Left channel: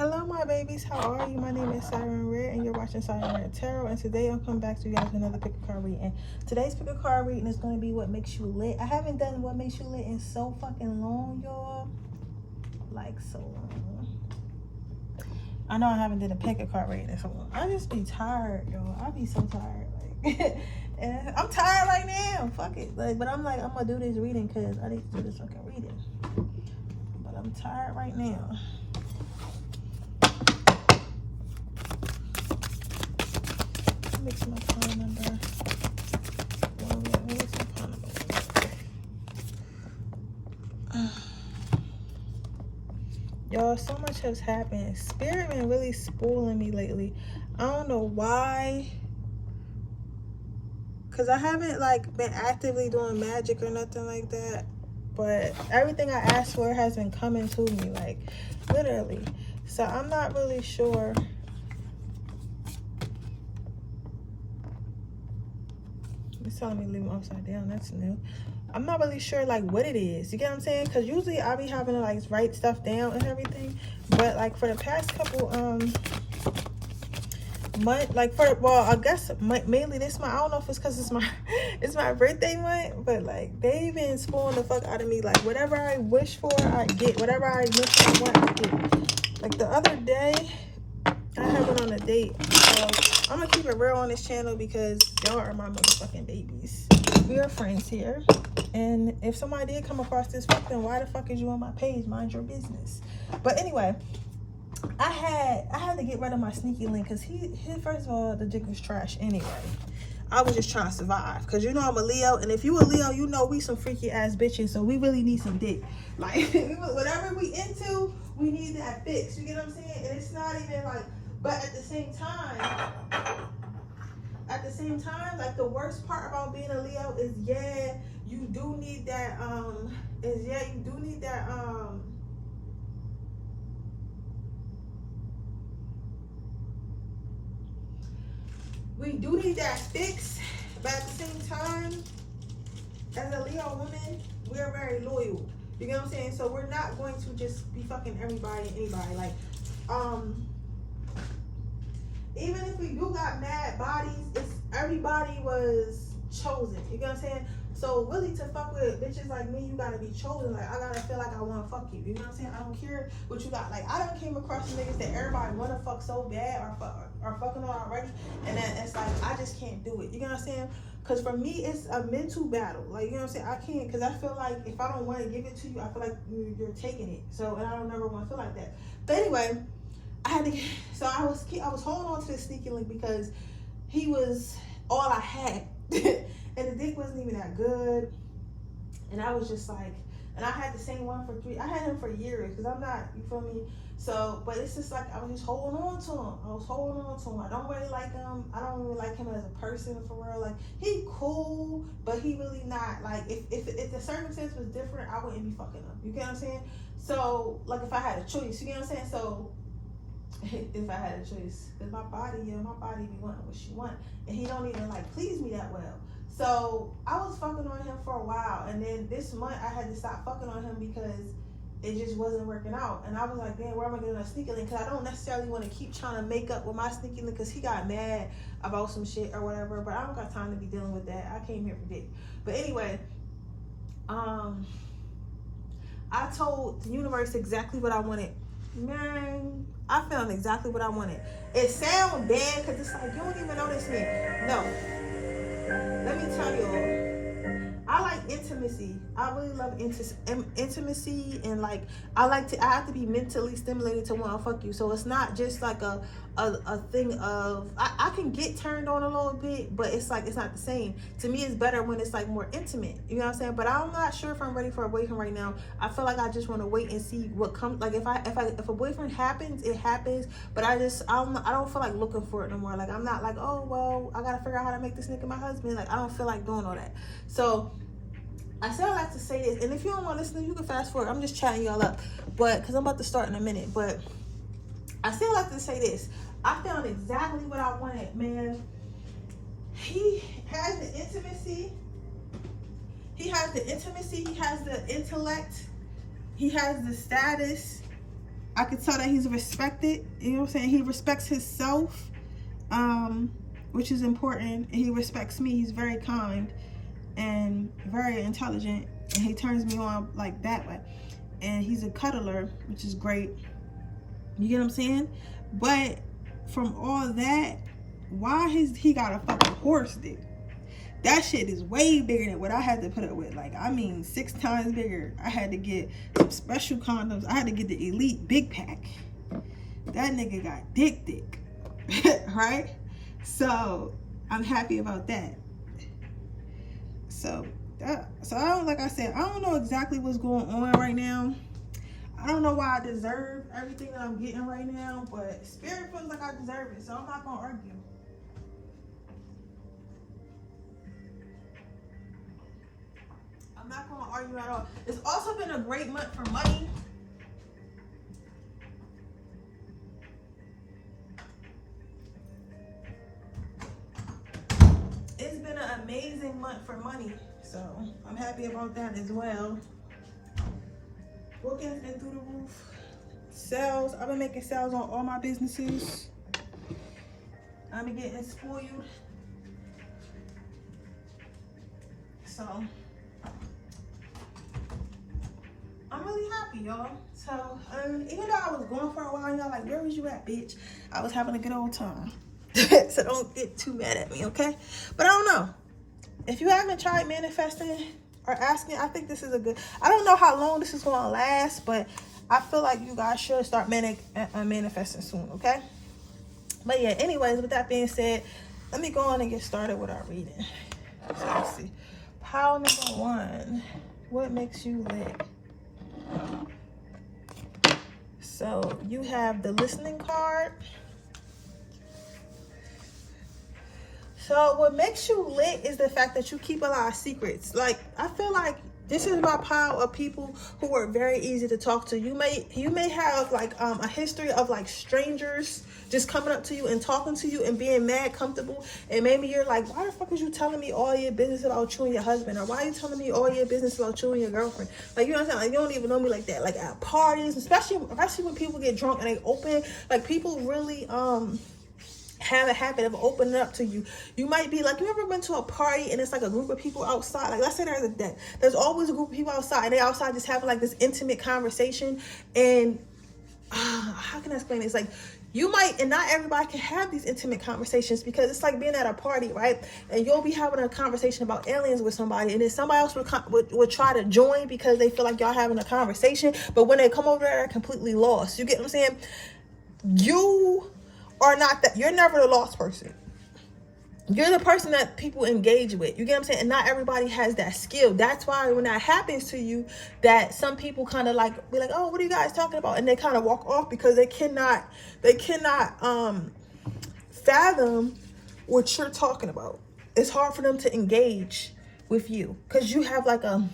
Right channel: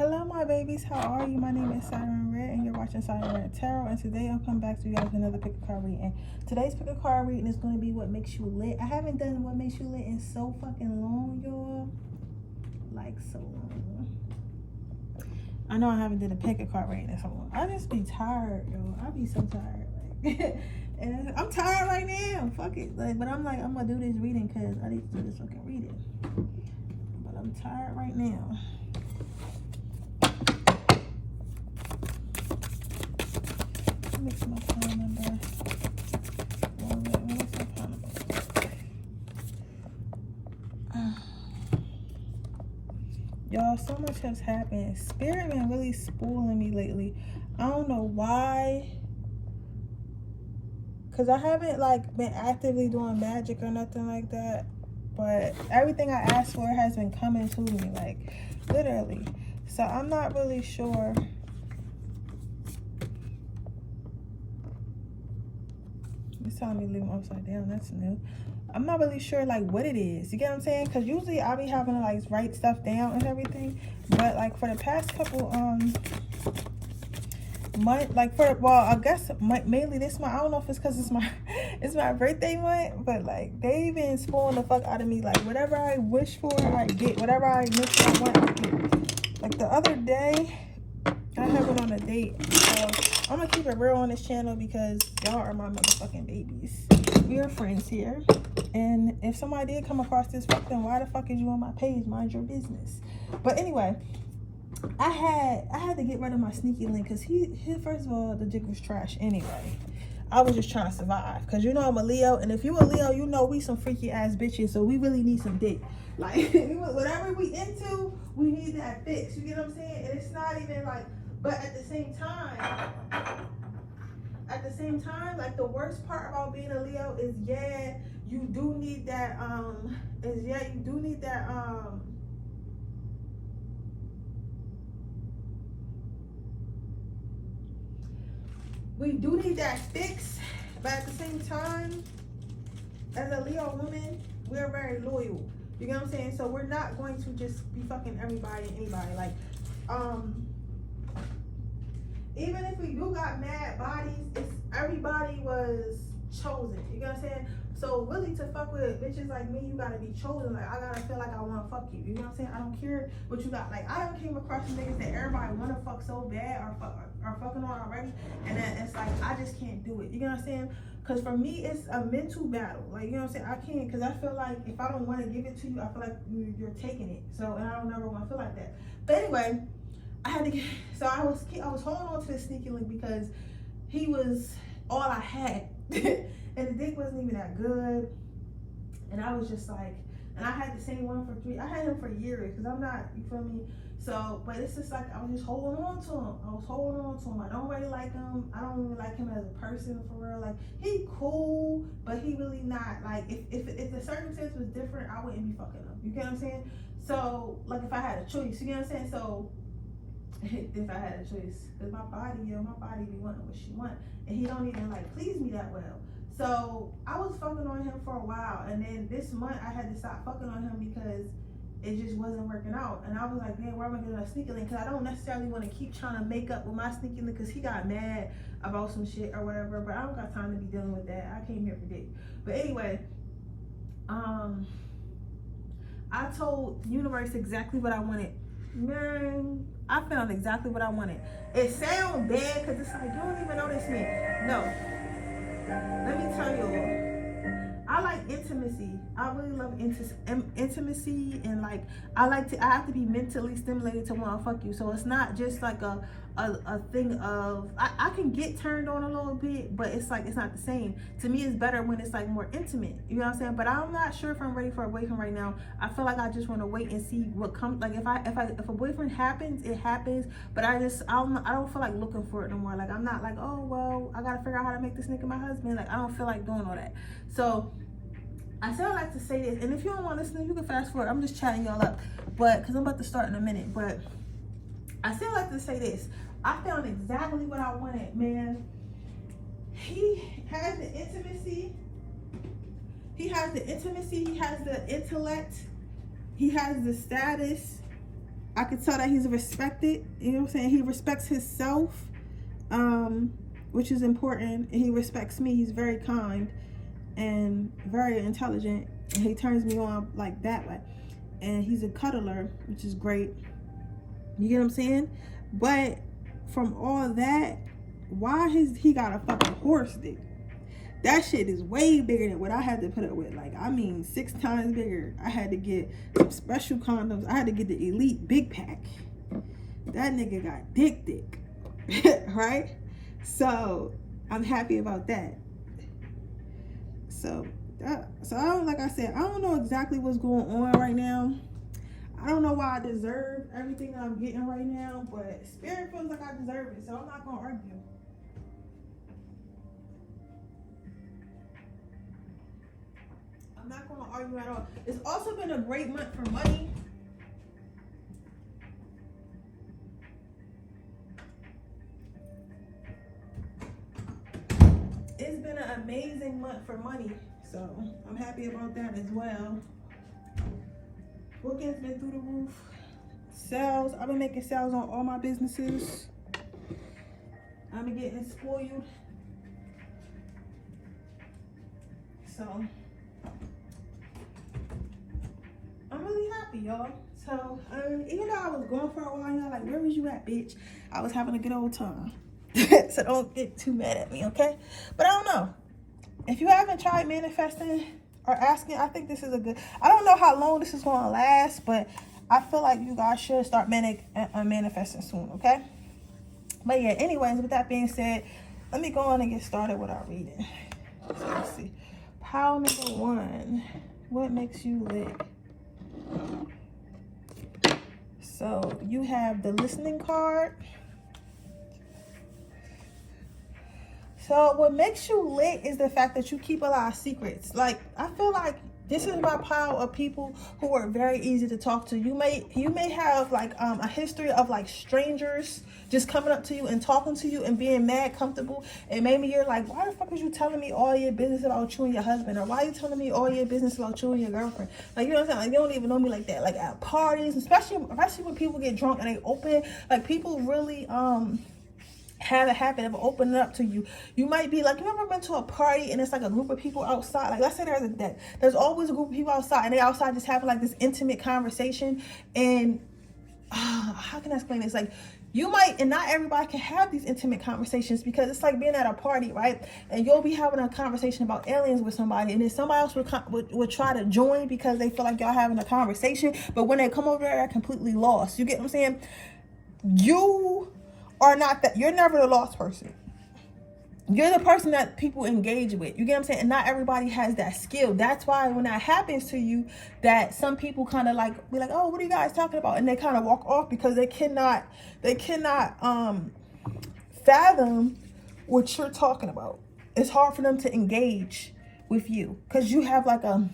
Hello my babies, how are you? My name is Siren Redd and you're watching Siren Redd Tarot, and today I'm coming back to you guys with another pick a card reading. Today's pick a card reading is going to be what makes you lit. I haven't done what makes you lit in so fucking long, y'all. Like so long. I know I haven't did a pick a card reading in so long. I just be tired, y'all. I be so tired. Like and I'm tired right now. Fuck it. Like, but I'm like, I'm gonna do this reading because I need to do this fucking reading. But I'm tired right now. Mix my phone number. Mix my phone number. Y'all, so much has happened. Spirit been really spoiling me lately. I don't know why. Cause I haven't like been actively doing magic or nothing like that. But everything I asked for has been coming to me, like literally. So I'm not really sure. It's telling me to leave them upside down. That's new. I'm not really sure like what it is. You get what I'm saying? Because usually I'll be having to like write stuff down and everything. But like for the past couple month, like for, well, I guess mainly this month. I don't know if it's because it's my birthday month, but like they've been spoiling the fuck out of me. Like whatever I wish for, I get. Whatever I wish I want, I get. Like the other day, I had went on a date. So I'm gonna keep it real on this channel because y'all are my motherfucking babies. We are friends here. And if somebody did come across this fuck, then why the fuck is you on my page? Mind your business. But anyway, I had to get rid of my sneaky link because he first of all, the dick was trash anyway. I was just trying to survive because you know I'm a Leo, and if you a Leo, you know we some freaky ass bitches, so we really need some dick. Like whatever we into, we need that fix. You get what I'm saying? And it's not even like, but at the same time, like the worst part about being a Leo is you do need that we do need that fix, but at the same time, as a Leo woman, we're very loyal. You get what I'm saying? So we're not going to just be fucking everybody and anybody. Like, even if we do got mad bodies, it's everybody was chosen. You get what I'm saying? So really to fuck with bitches like me, you gotta be chosen. Like I gotta feel like I wanna fuck you. You know what I'm saying? I don't care what you got. Like I done came across niggas that everybody wanna fuck so bad or fucking on already, and then it's like I just can't do it. You know what I'm saying? Cause for me it's a mental battle. Like you know what I'm saying? I can't, cause I feel like if I don't want to give it to you, I feel like you're taking it. So and I don't never want to feel like that. But anyway, I had to get, so I was holding on to this sneaky link because he was all I had. And the dick wasn't even that good. And I was just like, and I had the same one for I had him for years because I'm not, you feel me? So, but it's just like, I was just holding on to him. I don't really like him. I don't really like him as a person for real. Like, he cool, but he really not. Like, if the circumstance was different, I wouldn't be fucking him. You get what I'm saying? So, like, if I had a choice, you get what I'm saying? So, if I had a choice, because my body be wanting what she want, and he don't even like please me that well. So I was fucking on him for a while, and then this month I had to stop fucking on him because it just wasn't working out. And I was like, man, where am I getting a sneaky link? Because I don't necessarily want to keep trying to make up with my sneaky link because he got mad about some shit or whatever. But I don't got time to be dealing with that. I came here for dick. But anyway, I told the universe exactly what I wanted. Man, I found exactly what I wanted. It sounds bad because it's like, you don't even notice me. No. Let me tell y'all, I like intimacy. I really love intimacy, and like I have to be mentally stimulated to want to fuck you. So it's not just like a thing of I can get turned on a little bit, but it's like it's not the same. To me, it's better when it's like more intimate. You know what I'm saying? But I'm not sure if I'm ready for a boyfriend right now. I feel like I just want to wait and see what comes. Like if a boyfriend happens, it happens. But I don't feel like looking for it no more. Like I'm not like, oh well, I gotta figure out how to make this nigga my husband. Like I don't feel like doing all that. So I said I like to say this, and if you don't want to listen, you can fast forward. I'm just chatting y'all up, but because I'm about to start in a minute. But I still like to say this. I found exactly what I wanted, man. He has the intimacy. He has the intellect. He has the status. I could tell that he's respected. You know what I'm saying? He respects himself, which is important. And he respects me. He's very kind and very intelligent. And he turns me on like that way. And he's a cuddler, which is great. You get what I'm saying? But from all that, why he got a fucking horse dick? That shit is way bigger than what I had to put up with. Like, I mean, 6 times bigger. I had to get some special condoms. I had to get the Elite Big Pack. That nigga got dick. Right? So, I'm happy about that. So I don't, like I said, I don't know exactly what's going on right now. I don't know why I deserve everything that I'm getting right now, but Spirit feels like I deserve it, so I'm not gonna argue. I'm not gonna argue at all. It's also been a great month for money. It's been an amazing month for money, so I'm happy about that as well. Bookings been through the roof. Sales, I've been making sales on all my businesses. I've been getting spoiled. So I'm really happy, y'all. So even though I was gone for a while, y'all like, where was you at, bitch? I was having a good old time. So don't get too mad at me, okay? But I don't know. If you haven't tried manifesting or asking, I think this is a good, I don't know how long this is going to last, but I feel like you guys should start manifesting soon, okay? But yeah, anyways, with that being said, let me go on and get started with our reading. So let's see. Pile number 1. What makes you lit? So you have the listening card. So what makes you lit is the fact that you keep a lot of secrets. Like, I feel like this is my pile of people who are very easy to talk to. You may have like a history of like strangers just coming up to you and talking to you and being mad comfortable. And maybe you're like, why the fuck was you telling me all your business about you and your husband? Or why are you telling me all your business about you and your girlfriend? Like, you know what I'm saying? Like, you don't even know me like that. Like at parties, especially when people get drunk and they open, like people really have a habit of opening up to you. You might be like, you ever been to a party and it's like a group of people outside? Like, let's say there's always a group of people outside and they're outside just having like this intimate conversation. And how can I explain it? It's like, you might, and not everybody can have these intimate conversations, because it's like being at a party, right? And you'll be having a conversation about aliens with somebody, and then somebody else would try to join because they feel like y'all having a conversation, but when they come over there, they're completely lost. You get what I'm saying? You are not that. You're never the lost person. You're the person that people engage with. You get what I'm saying? And not everybody has that skill. That's why when that happens to you, that some people kind of like be like, oh, what are you guys talking about? And they kind of walk off because they cannot fathom what you're talking about. It's hard for them to engage with you because you have like a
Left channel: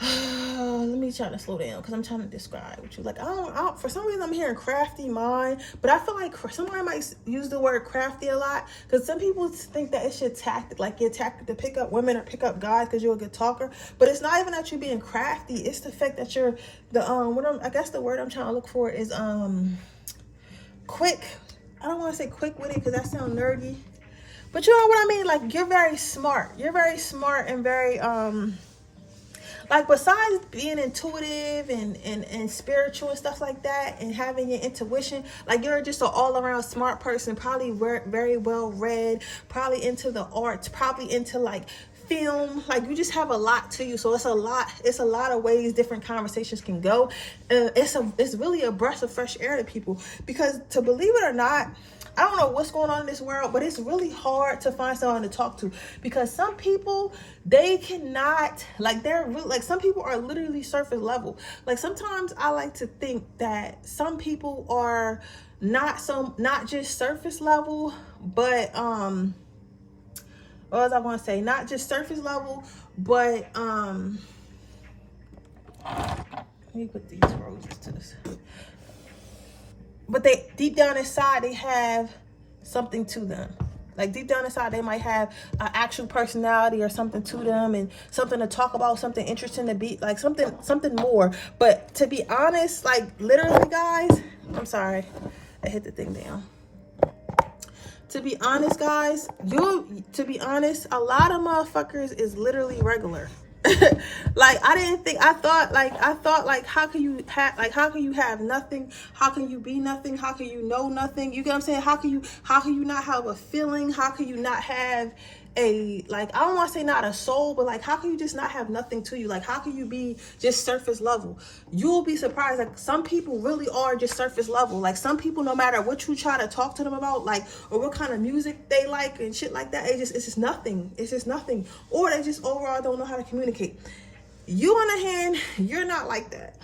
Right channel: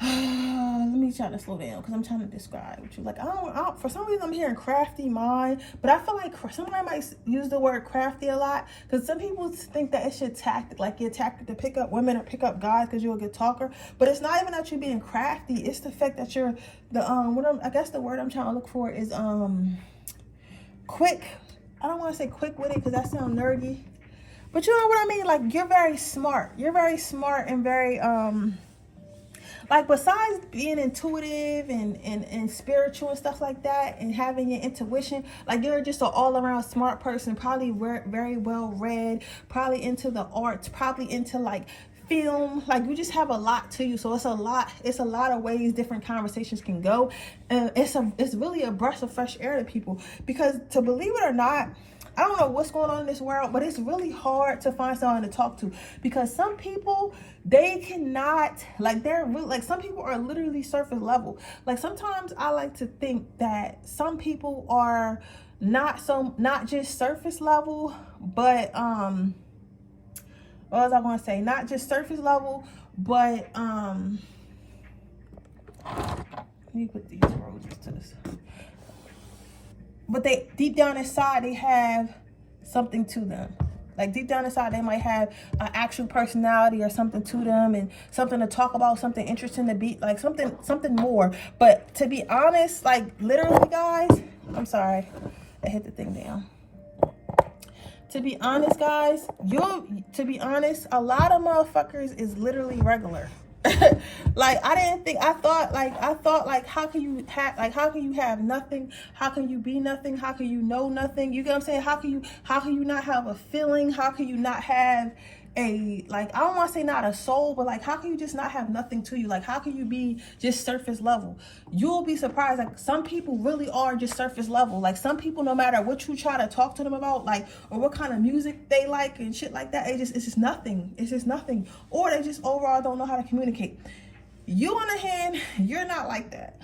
let me try to slow down because I'm trying to describe what you like. I don't for some reason I'm hearing crafty mind, but I feel like somebody might use the word crafty a lot because some people think that it's your tactic, like your tactic to pick up women or pick up guys because you're a good talker. But it's not even that you're being crafty. It's the fact that you're I guess the word I'm trying to look for is quick. I don't want to say quick with it because that sounds nerdy, but you know what I mean. Like, you're very smart. You're very smart and very like, besides being intuitive and spiritual and stuff like that, and having your intuition, like, you're just an all-around smart person, probably very well read, probably into the arts, probably into like film. Like, you just have a lot to you. So it's a lot of ways different conversations can go. It's really a breath of fresh air to people, because, to believe it or not, I don't know what's going on in this world, but it's really hard to find someone to talk to, because some people, they cannot, like, they're really, like, some people are literally surface level. Like, sometimes I like to think that some people are not just surface level, but what was I going to say? Not just surface level, but let me put these roses to this. But they, deep down inside, they have something to them. Like deep down inside, they might have an actual personality or something to them, and something to talk about, something interesting to be, like something more. But to be honest, like literally, guys, I'm sorry, I hit the thing down. To be honest, guys, to be honest, a lot of motherfuckers is literally regular. Like I thought how can you have nothing? How can you be nothing? How can you know nothing? You get what I'm saying? How can you not have a feeling? How can you not have a, like, I don't want to say not a soul, but like, how can you just not have nothing to you? Like, how can you be just surface level? You'll be surprised. Like, some people really are just surface level. Like, some people, no matter what you try to talk to them about, like, or what kind of music they like and shit like that, it's just nothing. It's just nothing. Or they just overall don't know how to communicate. You, on the hand, you're not like that.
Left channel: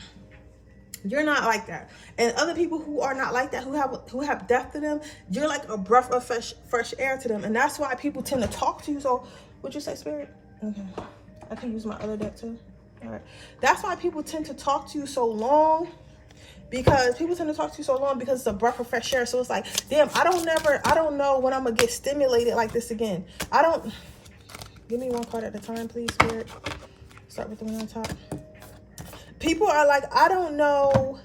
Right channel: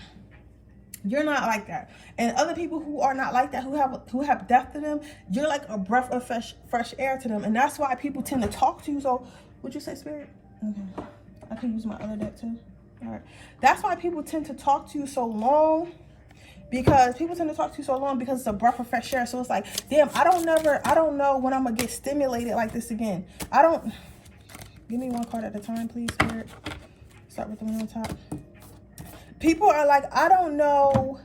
You're not like that. And other people who are not like that, who have depth to them, you're like a breath of fresh air to them. And that's why people tend to talk to you. So, what'd you say, Spirit? Okay. I can use my other deck too. All right. That's why people tend to talk to you so long. Because people tend to talk to you so long because it's a breath of fresh air. So it's like, damn, I don't know when I'm gonna get stimulated like this again. Give me one card at a time, please, Spirit. Start with the one on top. People are like, I don't know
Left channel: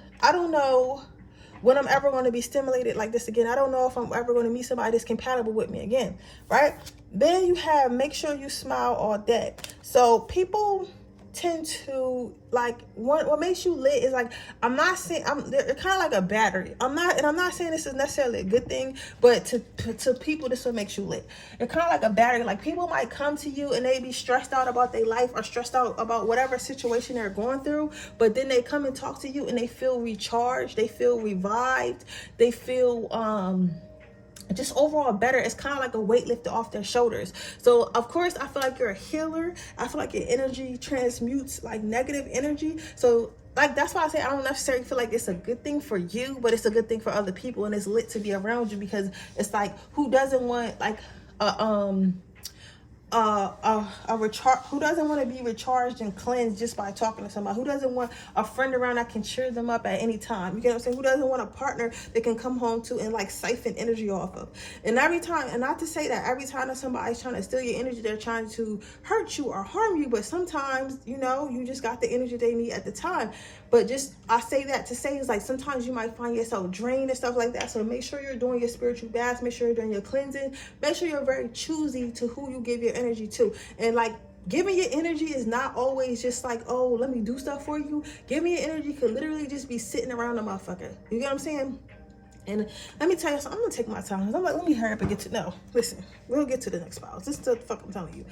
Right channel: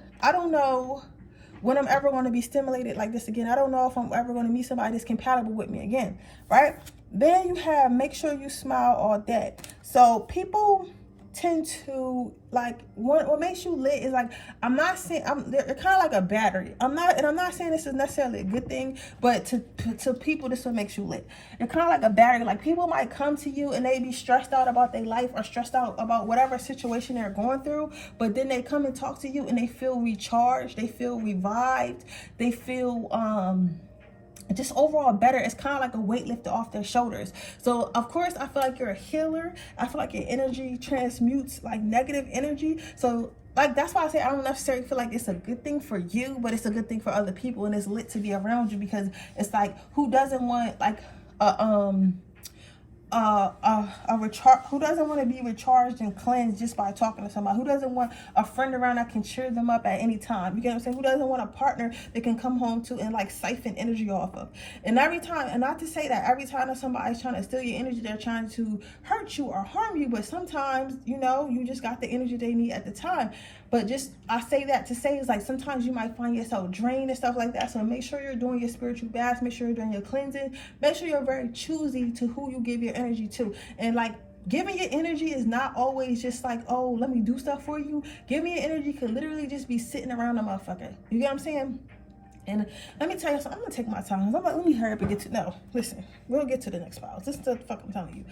when I'm ever going to be stimulated like this again. I don't know if I'm ever going to meet somebody that's compatible with me again, right? Then you have make sure you smile all day. So people tend to, like, what makes you lit is like, I'm not saying, they're kind of like a battery. I'm not saying this is necessarily a good thing, but to people, this will make you lit. They're kind of like a battery. Like, people might come to you and they be stressed out about their life or stressed out about whatever situation they're going through, but then they come and talk to you and they feel recharged, they feel revived, they feel just overall better. It's kind of like a weight lifted off their shoulders. So of course, I feel like you're a healer. I feel like your energy transmutes like negative energy. So like, that's why I say I don't necessarily feel like it's a good thing for you, but it's a good thing for other people, and it's lit to be around you, because it's like, who doesn't want like who doesn't want to be recharged and cleansed just by talking to somebody? Who doesn't want a friend around that can cheer them up at any time? You get what I'm saying? Who doesn't want a partner they can come home to and like siphon energy off of? And every time, and not to say that every time that somebody's trying to steal your energy, they're trying to hurt you or harm you, but sometimes, you know, you just got the energy they need at the time. But just, I say that to say is like, sometimes you might find yourself drained and stuff like that. So make sure you're doing your spiritual baths. Make sure you're doing your cleansing. Make sure you're very choosy to who you give your energy to. And like, giving your energy is not always just like, oh, let me do stuff for you. Giving your energy could literally just be sitting around a motherfucker. You get what I'm saying? And let me tell you something. I'm going to take my time. I'm like, let me hurry up and get to, no, listen, we'll get to the next files. This is the fuck I'm telling you.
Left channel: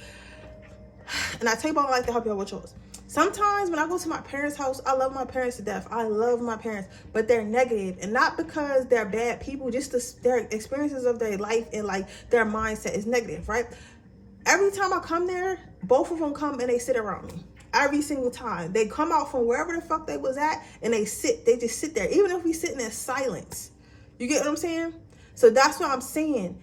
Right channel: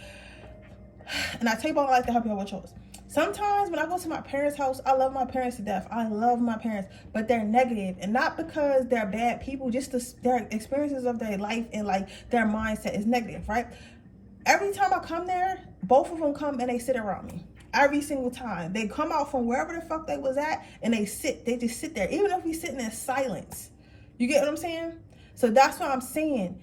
And I tell you about, I like to help you out with yours. Sometimes when I go to my parents' house, I love my parents to death. I love my parents, but they're negative, and not because they're bad people, just their experiences of their life and like their mindset is negative, right? Every time I come there, both of them come and they sit around me. Every single time. They come out from wherever the fuck they was at and they just sit there, even if we sitting in silence. You get what I'm saying? So that's what I'm saying.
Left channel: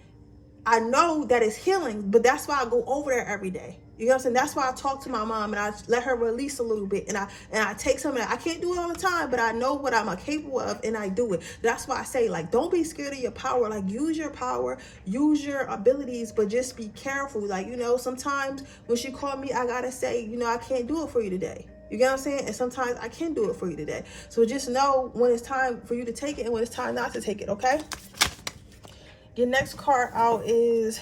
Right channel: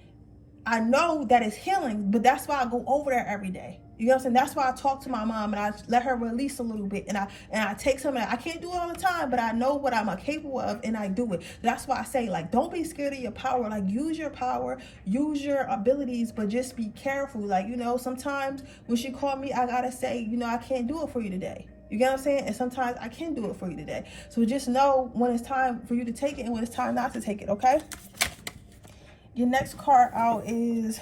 I know that it's healing, but that's why I go over there every day. You know what I'm saying? That's why I talk to my mom and I let her release a little bit, and I take some of that. I can't do it all the time, but I know what I'm capable of and I do it. That's why I say, like, don't be scared of your power. Like, use your power, use your abilities, but just be careful. Like, you know, sometimes when she called me, I gotta say, you know, I can't do it for you today. You get what I'm saying? And sometimes I can do it for you today. So just know when it's time for you to take it and when it's time not to take it, okay? Your next card out is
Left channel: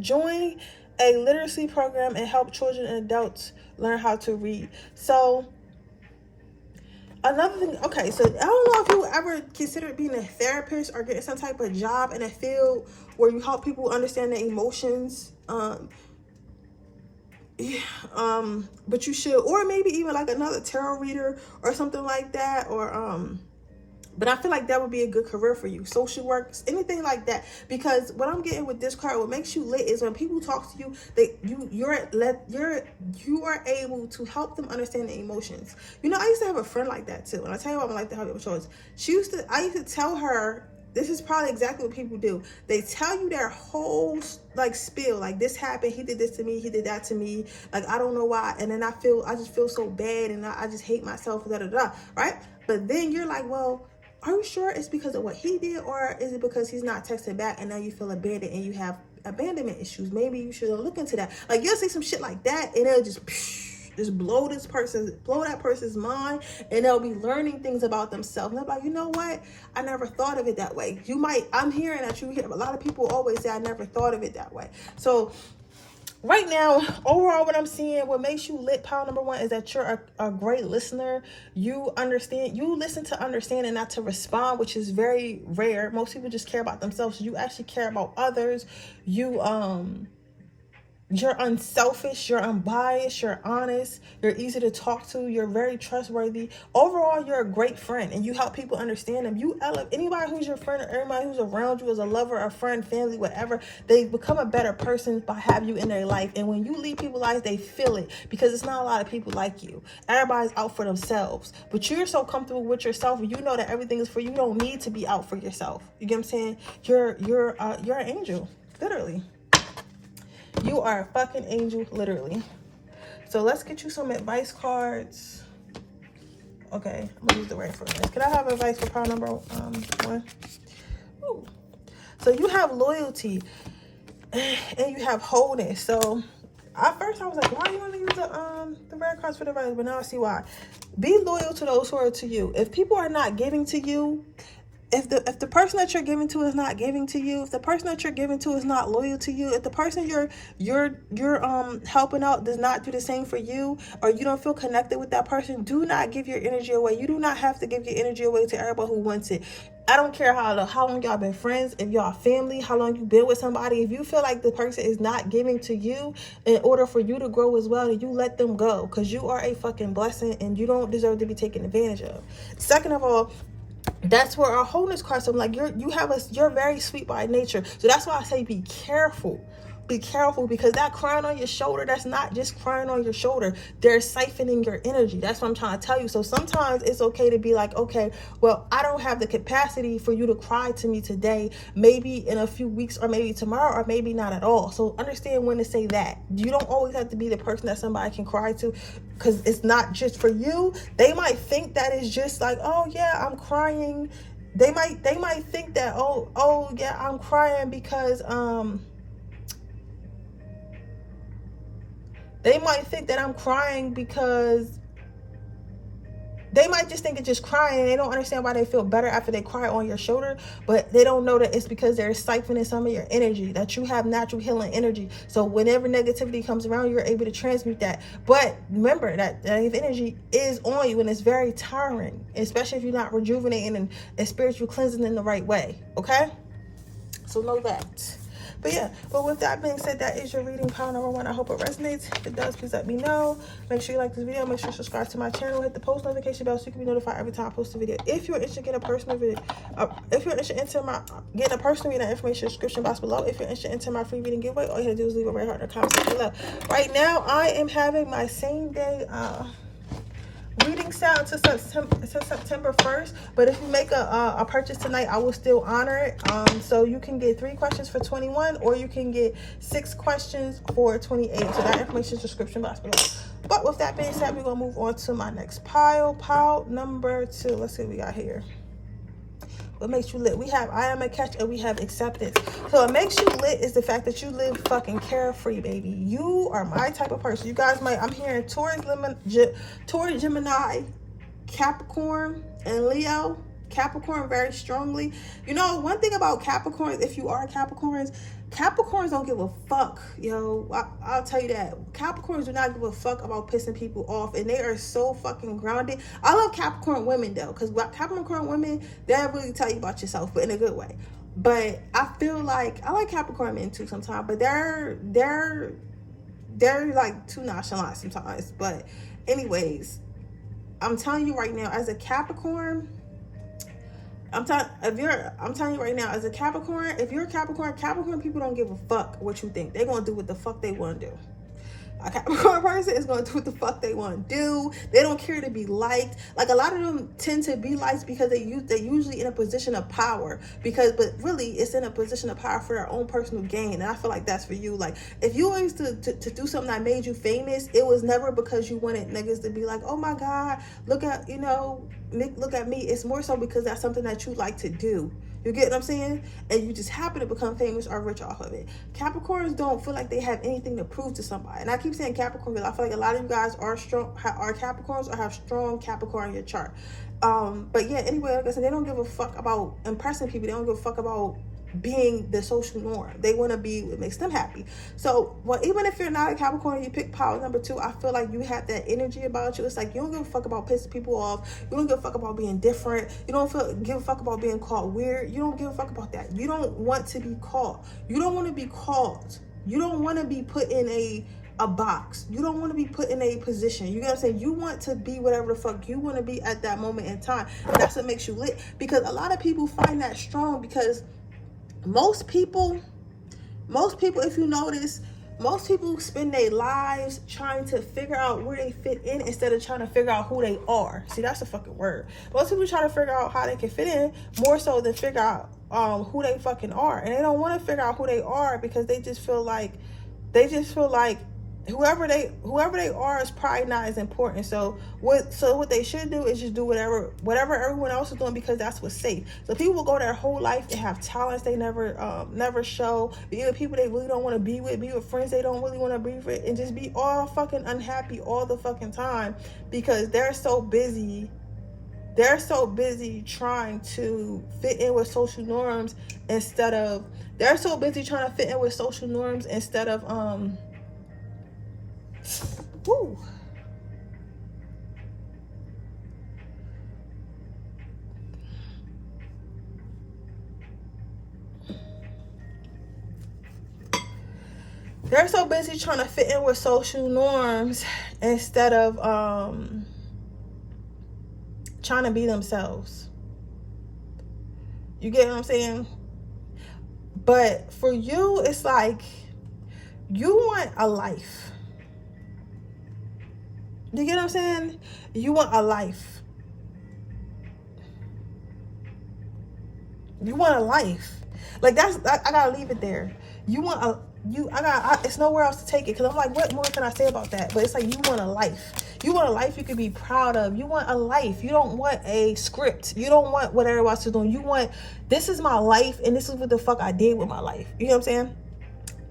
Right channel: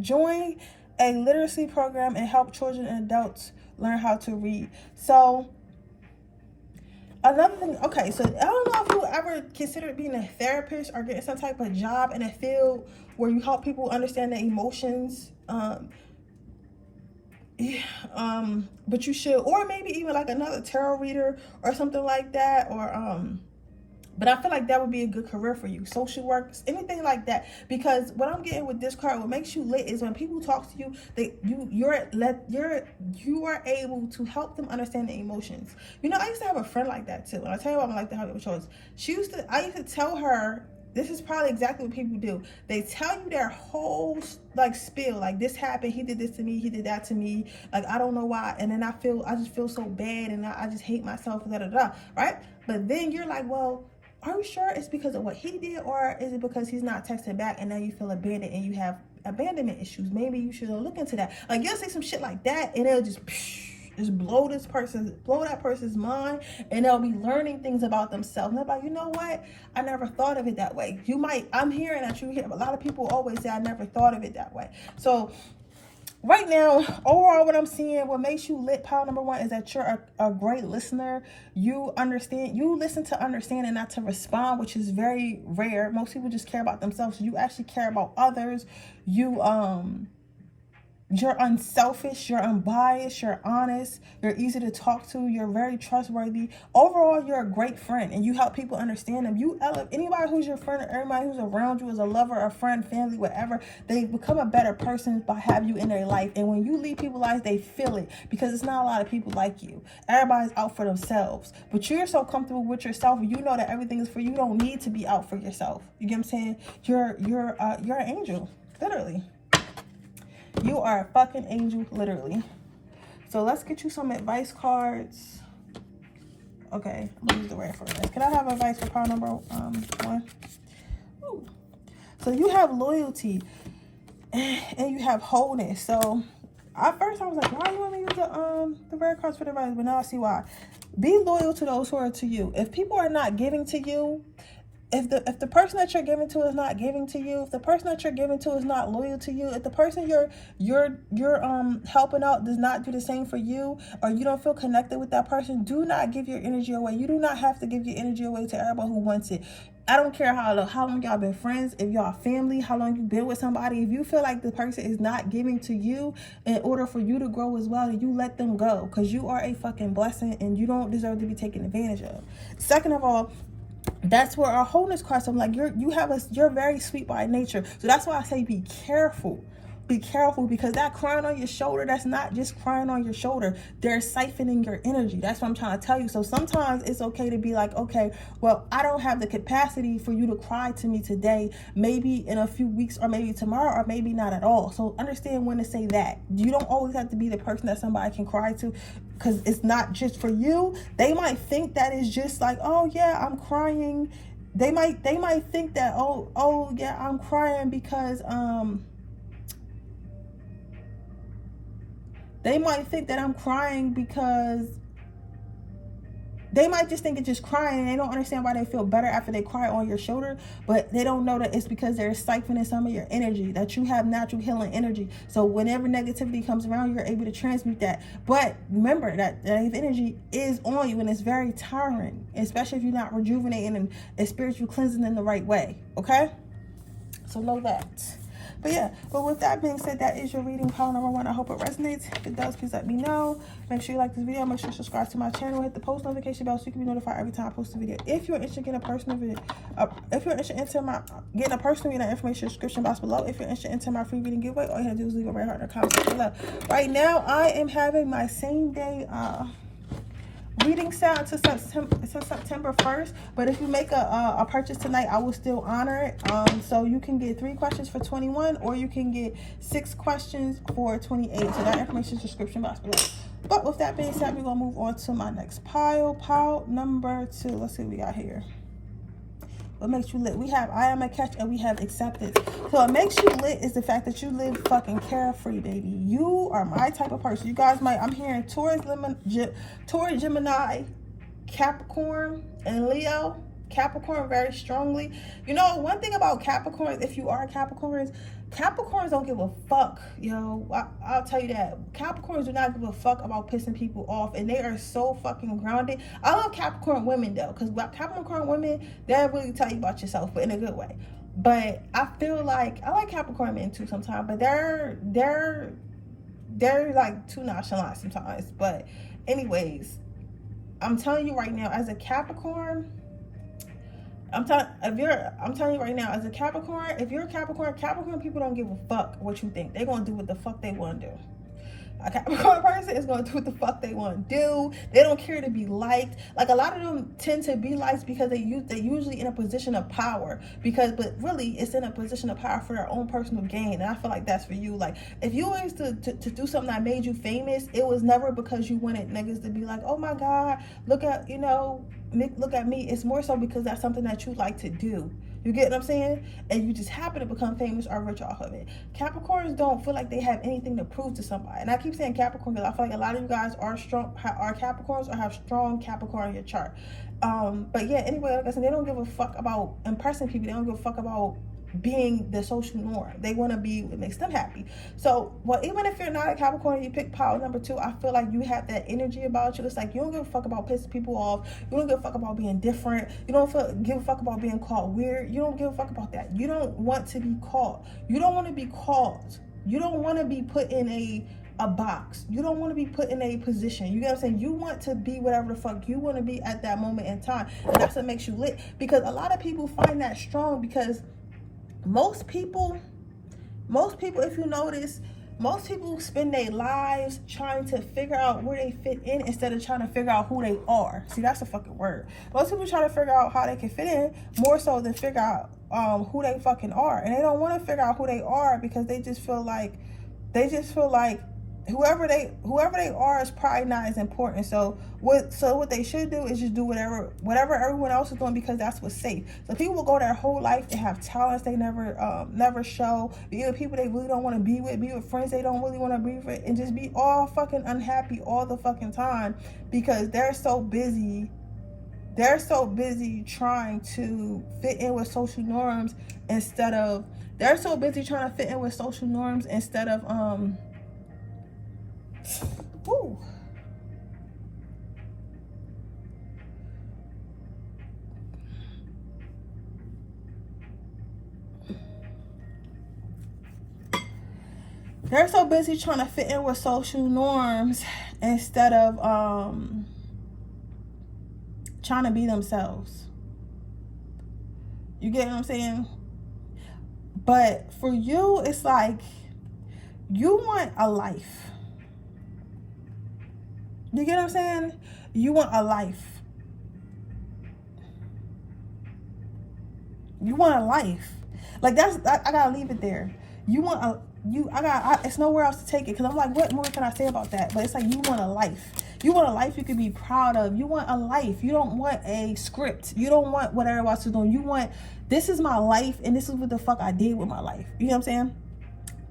join a literacy program and help children and adults learn how to read. So another thing, okay, so I don't know if you ever considered being a therapist or getting some type of job in a field where you help people understand their emotions. But you should, or maybe even like another tarot reader or something like that, or but I feel like that would be a good career for you. Social work, anything like that. Because what I'm getting with this card, what makes you lit is when people talk to you, you are able to help them understand their emotions. You know, I used to have a friend like that too. And I tell you what, I'm like to help you with choice. I used to tell her, this is probably exactly what people do. They tell you their whole like spiel, like this happened, he did this to me, he did that to me, like I don't know why, and then I just feel so bad, and I just hate myself, right? But then you're like, well, are you sure it's because of what he did, or is it because he's not texting back and now you feel abandoned and you have abandonment issues? Maybe you should look into that. Like, you'll see some shit like that and it'll just blow that person's mind, and they'll be learning things about themselves. And they'll be like, you know what? I never thought of it that way. I'm hearing that you hear a lot of people always say, I never thought of it that way. So right now, overall, what I'm seeing, what makes you lit, pile number one, is that you're a great listener. You understand, you listen to understand and not to respond, which is very rare. Most people just care about themselves. You actually care about others. You're unselfish, you're unbiased, you're honest, you're easy to talk to, you're very trustworthy. Overall, you're a great friend, and you help people understand them. You elevate anybody who's your friend, or everybody who's around you as a lover, a friend, family, whatever. They become a better person by having you in their life. And when you leave people's lives, they feel it, because it's not a lot of people like you. Everybody's out for themselves, but you're so comfortable with yourself, and you know that everything is for you. You don't need to be out for yourself. You get what I'm saying? You're an angel, literally. You are a fucking angel, literally. So let's get you some advice cards. Okay, I'm gonna use the right for this. Can I have advice for pile number one? Ooh. So you have loyalty and you have wholeness. So at first I was like, why do you want to use the red cards for the advice? But now I see why. Be loyal to those who are to you. If people are not giving to you, if the person that you're giving to is not giving to you, if the person that you're giving to is not loyal to you, if the person you're helping out does not do the same for you, or you don't feel connected with that person, do not give your energy away. You do not have to give your energy away to everybody who wants it. I don't care how long y'all been friends, if y'all family, how long you've been with somebody. If you feel like the person is not giving to you in order for you to grow as well, then you let them go, because you are a fucking blessing and you don't deserve to be taken advantage of. Second of all, that's where our wholeness comes from. Like, you're very sweet by nature. So that's why I say be careful. Be careful, because that crying on your shoulder, that's not just crying on your shoulder. They're siphoning your energy. That's what I'm trying to tell you. So sometimes it's okay to be like, okay, well, I don't have the capacity for you to cry to me today. Maybe in a few weeks, or maybe tomorrow, or maybe not at all. So understand when to say that. You don't always have to be the person that somebody can cry to, because it's not just for you. They might think that it's just like, oh yeah, I'm crying. They might think that, oh yeah, I'm crying because they might think that I'm crying because they might just think it's just crying, and they don't understand why they feel better after they cry on your shoulder. But they don't know that it's because they're siphoning some of your energy, that you have natural healing energy. So whenever negativity comes around, you're able to transmute that. But remember that negative energy is on you, and it's very tiring, especially if you're not rejuvenating and spiritual cleansing in the right way. Okay? So know that. But with that being said, that is your reading, pile number one. I hope it resonates. If it does, please let me know. Make sure you like this video. Make sure you subscribe to my channel. Hit the post notification bell so you can be notified every time I post a video. If you're interested in getting a personal video, if you're interested in getting a personal reading, information description box below. If you're interested in my free reading giveaway, all you have to do is leave a red heart in the comment section below. Right now, I am having my same day reading set until September 1st, but if you make a purchase tonight, I will still honor it. So you can get 3 questions for $21, or you can get 6 questions for $28. So that information is description box below. But with that being said, we're gonna move on to my next pile number 2. Let's see what we got here. What makes you lit? We have I am a catch, and we have acceptance. So what makes you lit is the fact that you live fucking carefree, baby. You are my type of person. You guys might, I'm hearing Taurus, Gemini, Capricorn, and Leo. Capricorn very strongly. You know, one thing about Capricorns, if you are Capricorns don't give a fuck, yo. I'll tell you that. Capricorns do not give a fuck about pissing people off, and they are so fucking grounded. I love Capricorn women though, because Capricorn women, they'll really tell you about yourself, but in a good way. But I feel like I like Capricorn men too sometimes, but they're like too nonchalant sometimes. But anyways, I'm telling you right now, as a Capricorn, I'm telling you right now, as a Capricorn, if you're a Capricorn people don't give a fuck what you think. They're gonna do what the fuck they want to do. A Capricorn person is going to do what the fuck they want to do. They don't care to be liked. Like, a lot of them tend to be liked because they're usually in a position of power. But really, it's in a position of power for their own personal gain. And I feel like that's for you. Like, if you used to do something that made you famous, it was never because you wanted niggas to be like, oh my God, look at, you know, look at me, it's more so because that's something that you like to do. You get what I'm saying? And you just happen to become famous or rich off of it. Capricorns don't feel like they have anything to prove to somebody. And I keep saying Capricorn because I feel like a lot of you guys are Capricorns or have strong Capricorn in your chart. But yeah, anyway, like I said, they don't give a fuck about impressing people. They don't give a fuck about being the social norm. They want to be what makes them happy. So, well, even if you're not a Capricorn and you pick pile number 2, I feel like you have that energy about you. It's like you don't give a fuck about pissing people off. You don't give a fuck about being different. You don't give a fuck about being called weird. You don't give a fuck about that. You don't want to be called. You don't want to be called. You don't want to be put in a box. You don't want to be put in a position. You know what I'm saying? You want to be whatever the fuck you want to be at that moment in time. And that's what makes you lit. Because a lot of people find that strong because most people, if you notice, most people spend their lives trying to figure out where they fit in instead of trying to figure out who they are. See, that's a fucking word. Most people try to figure out how they can fit in more so than figure out who they fucking are. And they don't want to figure out who they are because they just feel like whoever they are is probably not as important. So what they should do is just do whatever everyone else is doing because that's what's safe. So people will go their whole life and have talents they never show, be with people they really don't want to be with friends they don't really want to be with, and just be all fucking unhappy all the fucking time because they're so busy trying to fit in with social norms instead of woo. They're so busy trying to fit in with social norms instead of trying to be themselves. You get what I'm saying? But for you, it's like you want a life. You get what I'm saying? You want a life. You want a life. Like I gotta leave it there. It's nowhere else to take it because I'm like, what more can I say about that? But it's like you want a life. You want a life you can be proud of. You want a life. You don't want a script. You don't want what everybody else is doing. You want, this is my life and this is what the fuck I did with my life. You know what I'm saying?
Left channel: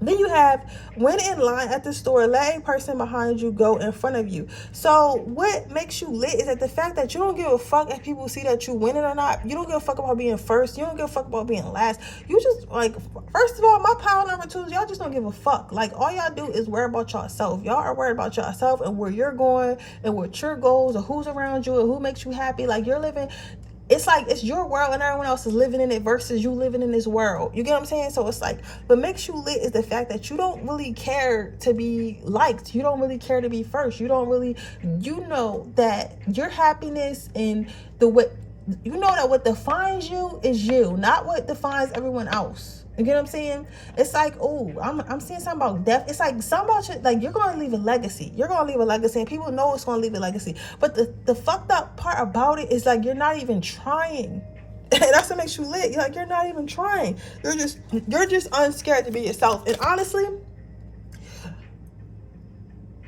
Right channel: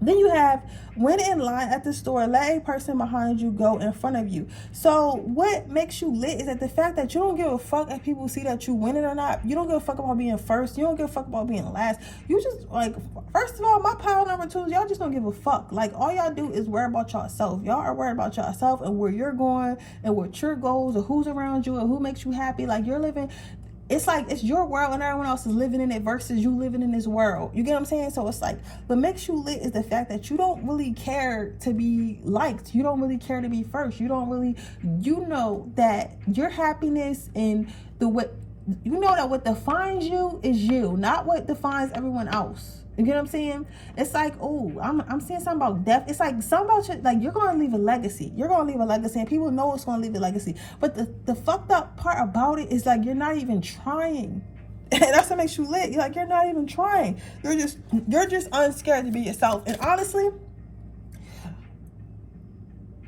Then you have, when in line at the store, let a person behind you go in front of you. So what makes you lit is that the fact that you don't give a fuck if people see that you winning or not. You don't give a fuck about being first. You don't give a fuck about being last. You just, like, first of all, my pile number 2 is y'all just don't give a fuck. Like, all y'all do is worry about yourself. Y'all are worried about yourself and where you're going and what your goals or who's around you and who makes you happy. Like, you're living, it's like it's your world and everyone else is living in it versus you living in this world. You get what I'm saying? So it's like, what makes you lit is the fact that you don't really care to be liked. You don't really care to be first. You don't really, you know that your happiness and you know that what defines you is you, not what defines everyone else. You get what I'm saying? It's like, oh, I'm seeing something about death. It's like something about you, like you're gonna leave a legacy. You're gonna leave a legacy, and people know it's gonna leave a legacy. But the fucked up part about it is like you're not even trying. That's what makes you lit. You're like, you're not even trying. You're just unscared to be yourself. And honestly,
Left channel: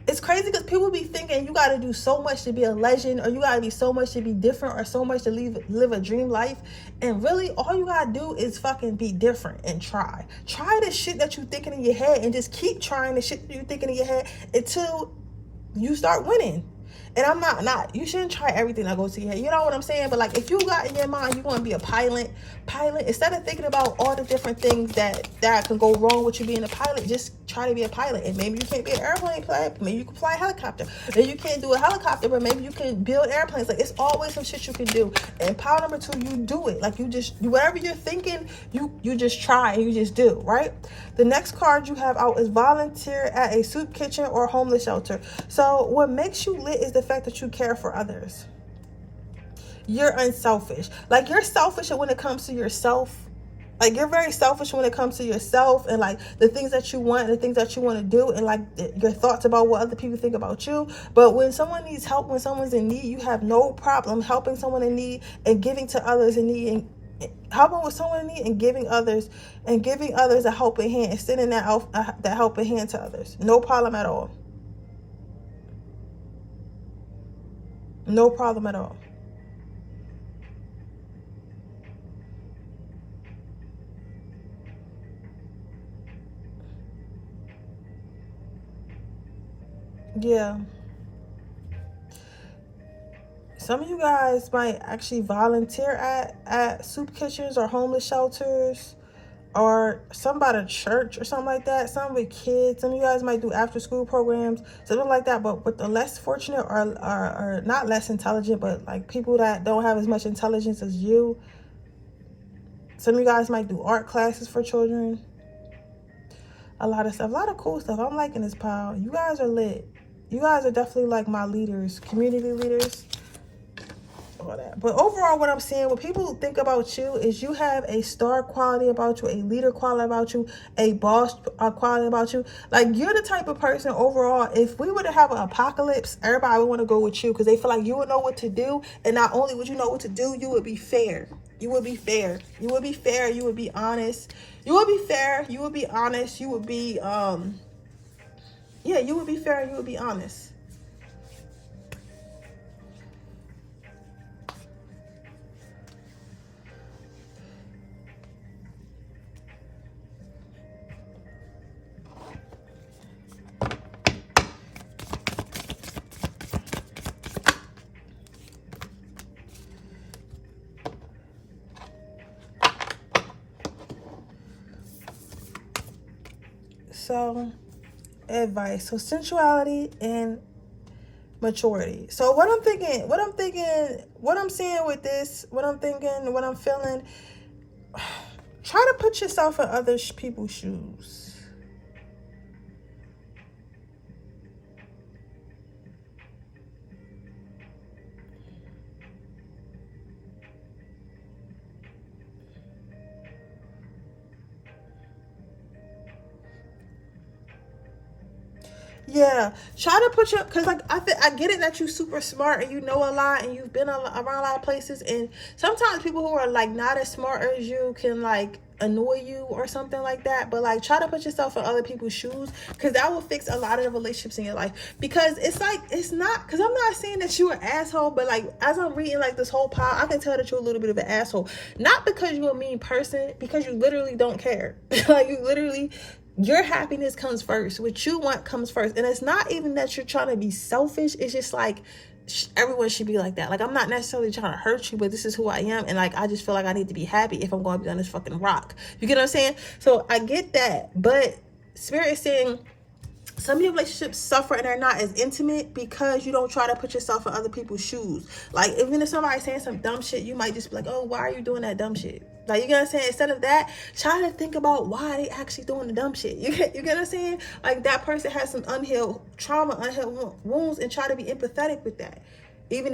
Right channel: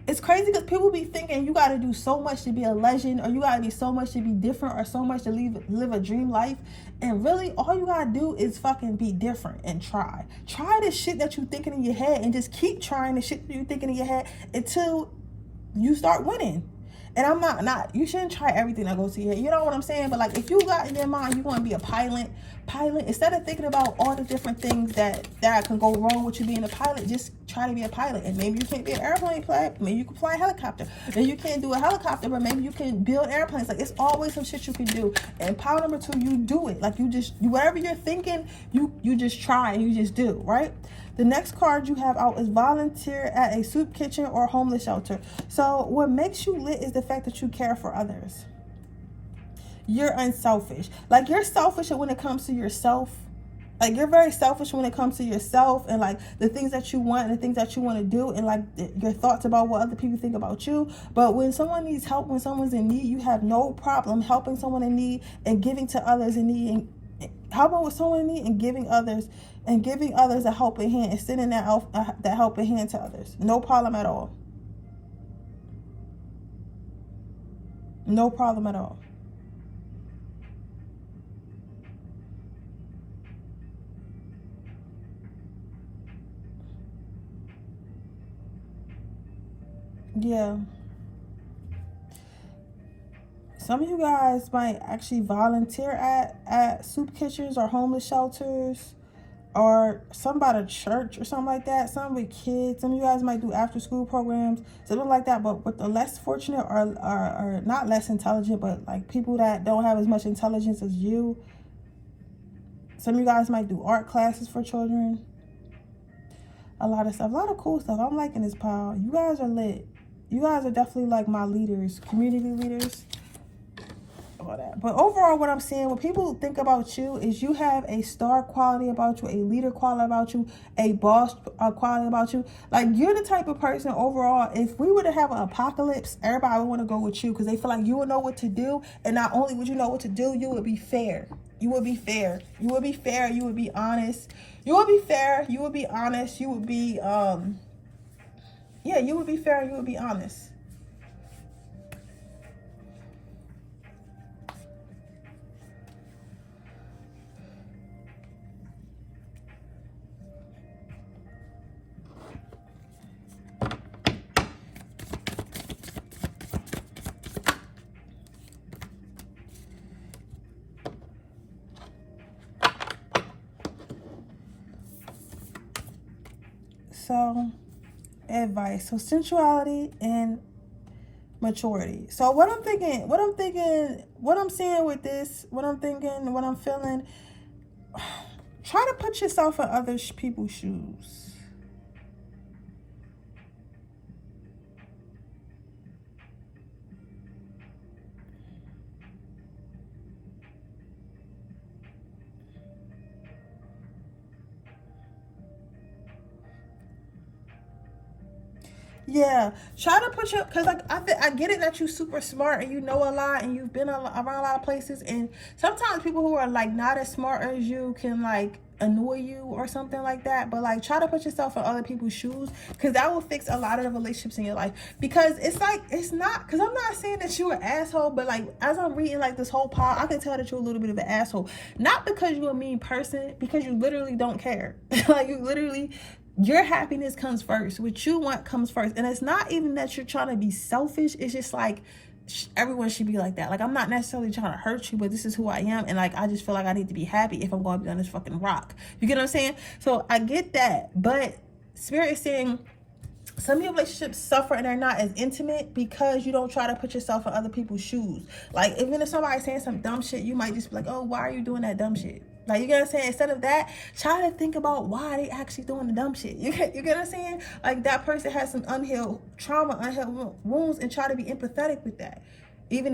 it's crazy because people be thinking you got to do so much to be a legend, or you got to be so much to be different, or so much to live a dream life. And really, all you got to do is fucking be different and try. Try the shit that you thinking in your head and just keep trying the shit that you thinking in your head until you start winning. And I'm not, you shouldn't try everything that goes to your head. You know what I'm saying? But like, if you got in your mind, you want to be a pilot, instead of thinking about all the different things that can go wrong with you being a pilot, just try to be a pilot. And maybe you can't be an airplane pilot. Maybe you can fly a helicopter. And you can't do a helicopter, but maybe you can build airplanes. Like, it's always some shit you can do. And power number 2, you do it. Like, whatever you're thinking, you just try and you just do, right? The next card you have out is volunteer at a soup kitchen or homeless shelter. So what makes you lit is the fact that you care for others. You're unselfish. Like, you're selfish when it comes to yourself. Like, you're very selfish when it comes to yourself and like the things that you want and the things that you want to do and like your thoughts about what other people think about you. But when someone needs help, when someone's in need, you have no problem helping someone in need and giving to others in need, and helping with someone in need and giving others a helping hand, extending that helping hand to others. No problem at all. No problem at all. Yeah. Some of you guys might actually volunteer at soup kitchens or homeless shelters, or some about a church or something like that. Some with kids. Some of you guys might do after school programs, something like that. But with the less fortunate or not less intelligent, but like people that don't have as much intelligence as you, some of you guys might do art classes for children. A lot of stuff, a lot of cool stuff. I'm liking this pile. You guys are lit. You guys are definitely like my leaders, community leaders. All that. But overall, what I'm seeing, what people think about you is you have a star quality about you, a leader quality about you, a boss quality about you. Like, you're the type of person overall, if we were to have an apocalypse, everybody would want to go with you because they feel like you would know what to do. And not only would you know what to do, you would be fair. You would be fair. You would be fair. You would be honest. You would be fair. You would be honest. You would be, yeah, you would be fair and you would be honest. So, advice. So, sensuality and maturity. So, what I'm thinking, what I'm seeing with this, what I'm thinking, what I'm feeling, try to put yourself in other people's shoes. Yeah, try to put your, because like I get it that you're super smart and you know a lot and you've been around a lot of places, and sometimes people who are like not as smart as you can like annoy you or something like that. But like, try to put yourself in other people's shoes, because that will fix a lot of the relationships in your life. Because it's like, it's not, because I'm not saying that you're an asshole, but like, as I'm reading like this whole pile, I can tell that you're a little bit of an asshole. Not because you're a mean person, because you literally don't care. Like, you literally, your happiness comes first. What you want comes first. And it's not even that you're trying to be selfish. It's just like, everyone should be like that. Like, I'm not necessarily trying to hurt you, but this is who I am. And like, I just feel like I need to be happy if I'm going to be on this fucking rock. You get what I'm saying? So I get that. But Spirit is saying some of your relationships suffer and they're not as intimate because you don't try to put yourself in other people's shoes. Like, even if somebody's saying some dumb shit, you might just be like, oh, why are you doing that dumb shit? Like, you get what I'm saying? Instead of that, try to think about why they actually doing the dumb shit. You get what I'm saying? Like, that person has some unhealed trauma, unhealed wounds, and try to be empathetic with that. Even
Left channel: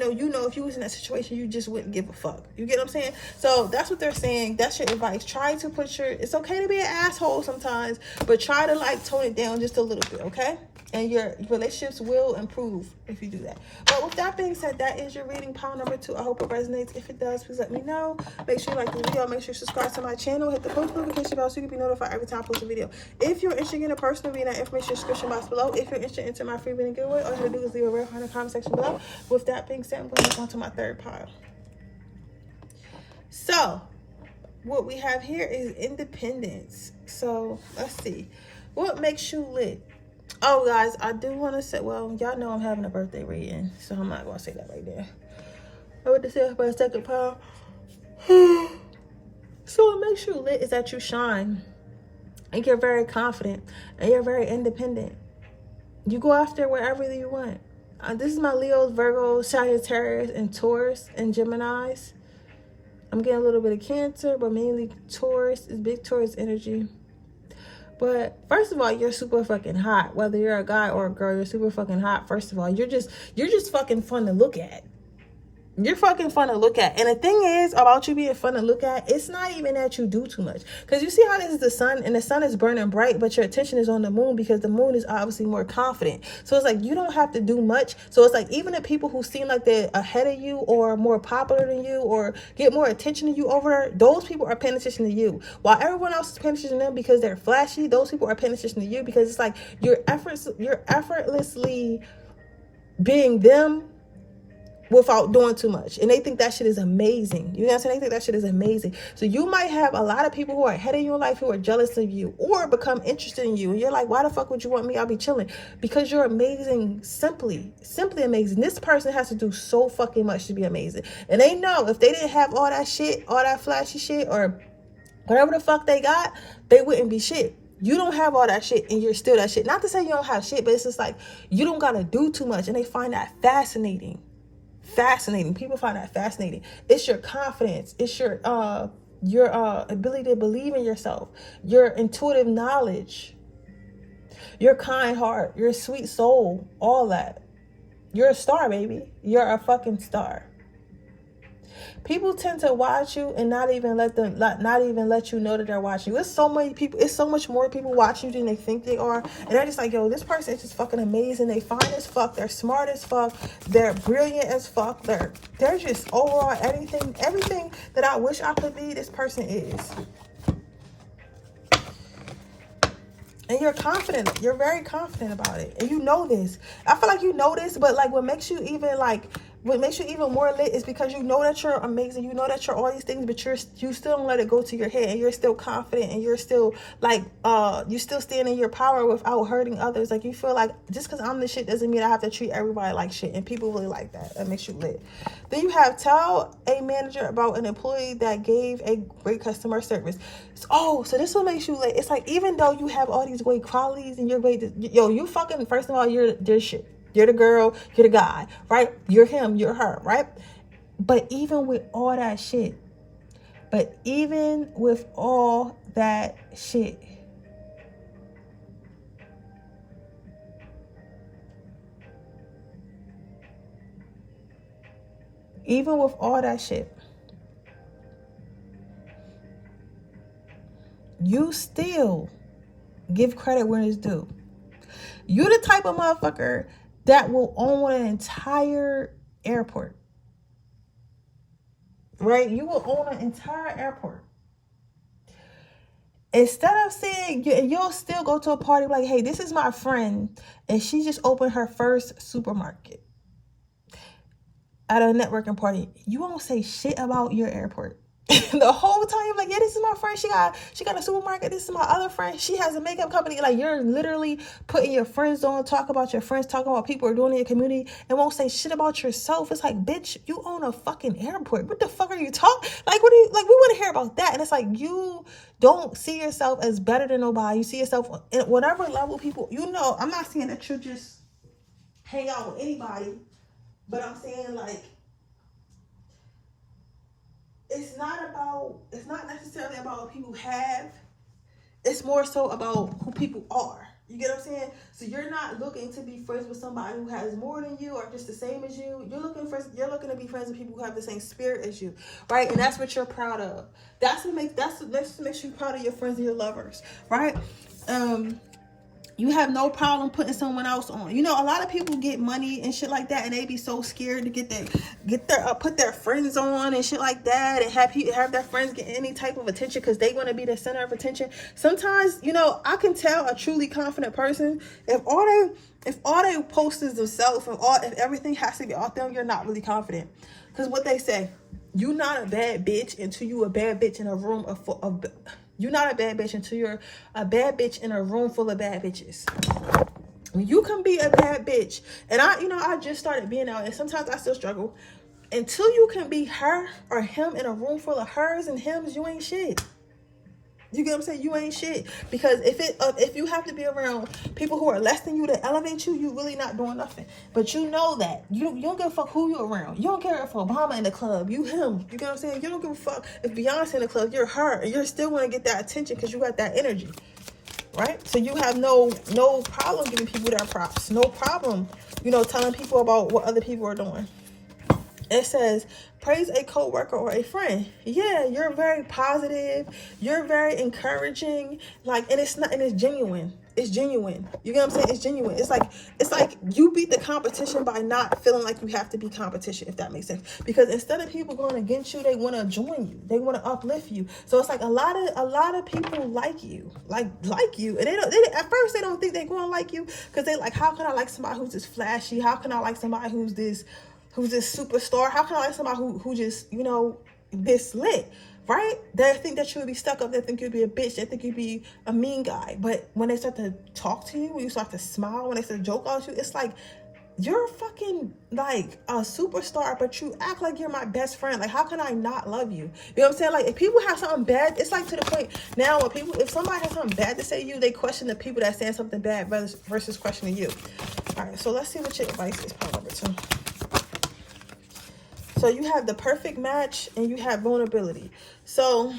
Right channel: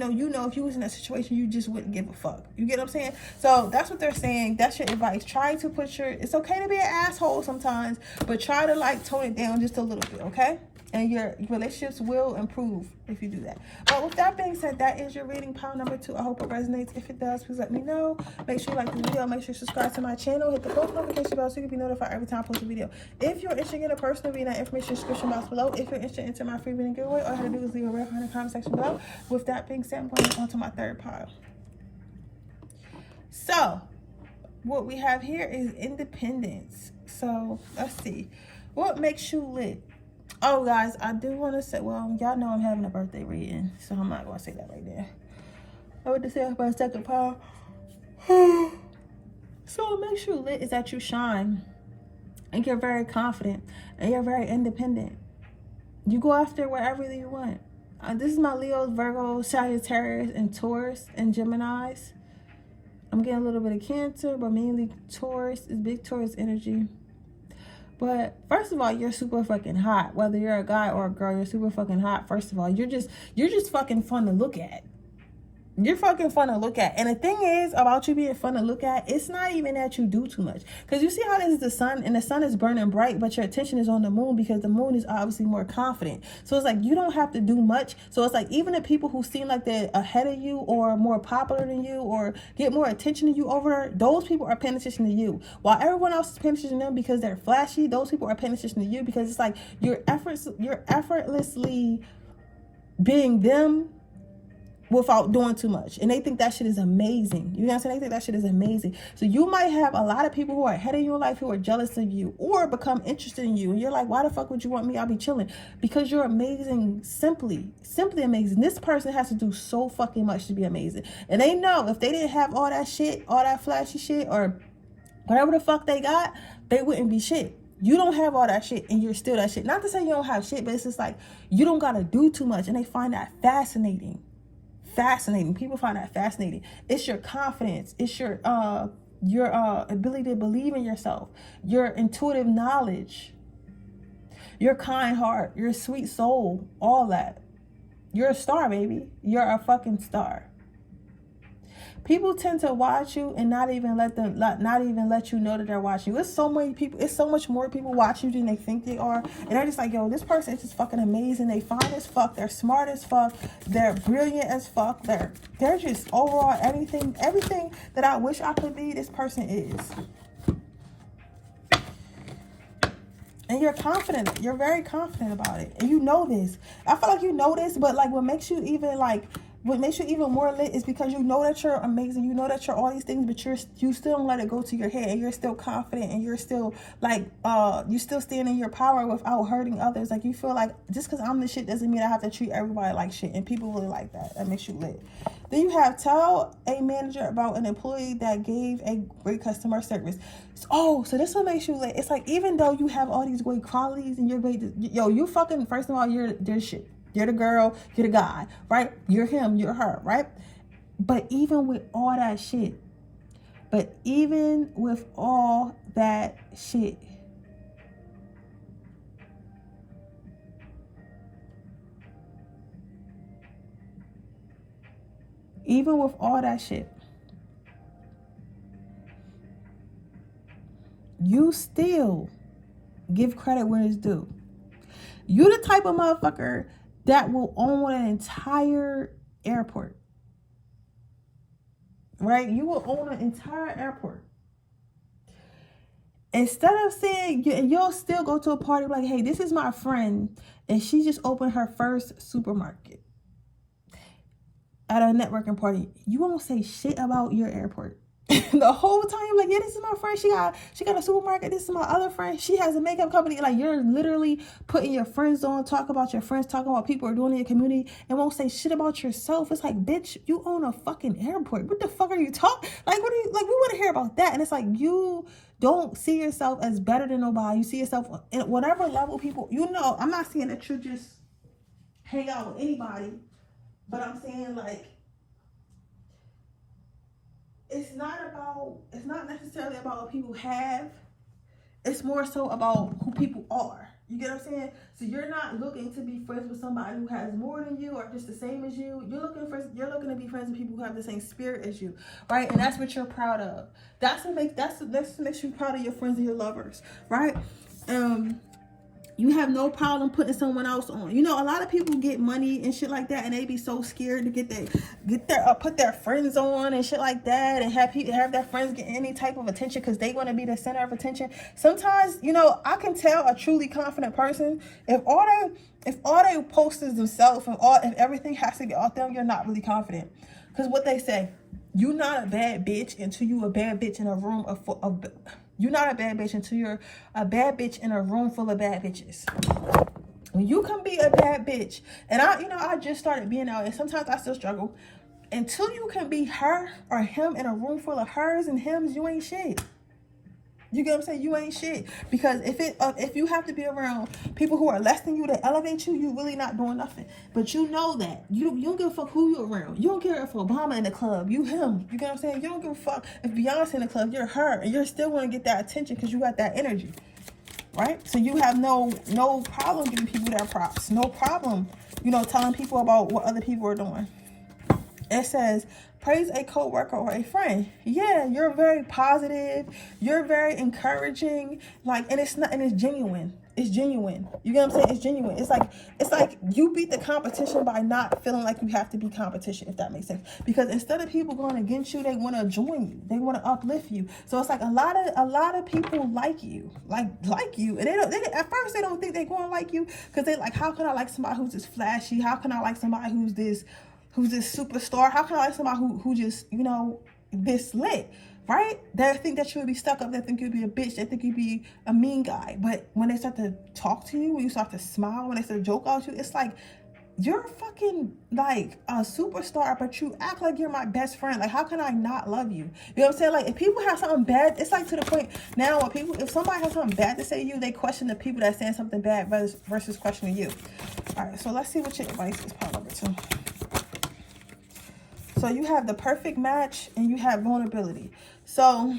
though you know if you was in that situation, you just wouldn't give a fuck. You get what I'm saying? So that's what they're saying. That's your advice. Try to put it's okay to be an asshole sometimes, but try to like tone it down just a little bit, okay? And your relationships will improve if you do that. But with that being said, that is your reading, pile number 2. I hope it resonates. If it does, please let me know. Make sure you like the video. Make sure you subscribe to my channel. Hit the post notification bell so you can be notified every time I post a video. If you're interested in a personal reading, that information is in the description box below. If you're interested in my free reading giveaway, all you have to do is leave a red heart in the comment section below. With that being said, I'm going to move on to my third pile. So, what we have here is independence. So, let's see. What makes you lit? Oh, guys, I do want to say, well, y'all know I'm having a birthday reading, so I'm not going to say that right there. I want to say my second pile. So what makes you lit is that you shine, and you're very confident, and you're very independent. You go after whatever you want. This is my Leos, Virgos, Sagittarius, and Taurus, and Geminis. I'm getting a little bit of Cancer, but mainly Taurus is big Taurus energy. But first of all, you're super fucking hot. Whether you're a guy or a girl, you're super fucking hot. First of all, you're just fucking fun to look at. You're fucking fun to look at. And the thing is about you being fun to look at, it's not even that you do too much. Because you see how this is the sun, and the sun is burning bright, but your attention is on the moon because the moon is obviously more confident. So it's like you don't have to do much. So it's like even the people who seem like they're ahead of you or more popular than you or get more attention than you over there, those people are paying attention to you. While everyone else is paying attention to them because they're flashy, those people are paying attention to you because it's like you're effortlessly being them without doing too much, and they think that shit is amazing. You know what I'm saying? They think that shit is amazing. So you might have a lot of people who are ahead of you in life who are jealous of you or become interested in you, and you're like, why the fuck would you want me? I'll be chilling. Because you're amazing. Simply amazing. This person has to do so fucking much to be amazing, and they know if they didn't have all that shit, all that flashy shit, or whatever the fuck they got, they wouldn't be shit. You don't have all that shit and you're still that shit. Not to say you don't have shit, but it's just like you don't gotta do too much, and they find that fascinating. People find that fascinating. It's your confidence. It's your ability to believe in yourself, your intuitive knowledge, your kind heart, your sweet soul, all that. You're a star, baby. You're a fucking star. People tend to watch you and not even let you know that they're watching you. It's so many people. It's so much more people watching you than they think they are. And they're just like, yo, this person is just fucking amazing. They fine as fuck. They're smart as fuck. They're brilliant as fuck. They're just overall everything that I wish I could be, this person is. And you're confident. You're very confident about it. And you know this. I feel like you know this, but like what makes you even more lit is because you know that you're amazing. You know that you're all these things, but you still don't let it go to your head, and you're still confident, and you're still like you still stand in your power without hurting others. Like you feel like just because I'm the shit doesn't mean I have to treat everybody like shit, and people really like that. That makes you lit. Then you have tell a manager about an employee that gave a great customer service. So this what makes you lit. It's like even though you have all these great qualities and you're great, you fucking, first of all, you're shit. You're the girl, you're the guy, right? You're him, you're her, right? But even with all that shit, you still give credit when it's due. You the type of motherfucker that will own an entire airport, right? You will own an entire airport. Instead of saying, you'll still go to a party like, hey, this is my friend, and she just opened her first supermarket at a networking party. You won't say shit about your airport. The whole time you're like, yeah, this is my friend. She got a supermarket. This is my other friend. She has a makeup company. Like you're literally putting your friends on, talk about your friends, talking about people are doing in your community, and won't say shit about yourself. It's like, bitch, you own a fucking airport. What the fuck are you talking? Like, what do you like? We want to hear about that. And it's like you don't see yourself as better than nobody. You see yourself at whatever level people. You know, I'm not saying that you just hang out with anybody, but I'm saying like. It's not necessarily about what people have. It's more so about who people are. You get what I'm saying? So you're not looking to be friends with somebody who has more than you or just the same as you. You're looking to be friends with people who have the same spirit as you, right? And that's what you're proud of. That's what makes you proud of your friends and your lovers, right? You have no problem putting someone else on. You know, a lot of people get money and shit like that, and they be so scared to put their friends on and shit like that, and have their friends get any type of attention because they want to be the center of attention. Sometimes, you know, I can tell a truly confident person if all they post is themselves and if everything has to be off them, you're not really confident. Because what they say, you're not a bad bitch until you a bad bitch in a room You're not a bad bitch until you're a bad bitch in a room full of bad bitches. You can be a bad bitch. And I just started being out, and sometimes I still struggle. Until you can be her or him in a room full of hers and hims, you ain't shit. You get what I'm saying? You ain't shit. Because if you have to be around people who are less than you to elevate you, you really not doing nothing. But you know that. You don't give a fuck who you around. You don't care if Obama in the club, you him. You get what I'm saying? You don't give a fuck if Beyonce in the club, you're her. And you're still going to get that attention because you got that energy. Right? So you have no problem giving people their props. No problem, telling people about what other people are doing. It says, praise a co-worker or a friend. Yeah, you're very positive. You're very encouraging. And it's genuine. It's genuine. You get what I'm saying? It's genuine. It's like you beat the competition by not feeling like you have to be competition, if that makes sense. Because instead of people going against you, they want to join you. They want to uplift you. So it's like a lot of people like you. Like you. And they at first they don't think they're going to like you because they like, how can I like somebody who's just flashy? How can I like somebody who's who's this superstar? How can I like somebody who just, you know, this lit, right? They think that you would be stuck up. They think you'd be a bitch. They think you'd be a mean guy. But when they start to talk to you, when you start to smile, when they start to joke out you, it's like, you're fucking like a superstar, but you act like you're my best friend. Like, how can I not love you? You know what I'm saying? Like, if people have something bad, it's like to the point now when people, if somebody has something bad to say to you, they question the people that saying something bad versus questioning you. All right, so let's see what your advice is, part number 2. So you have the perfect match and you have vulnerability. So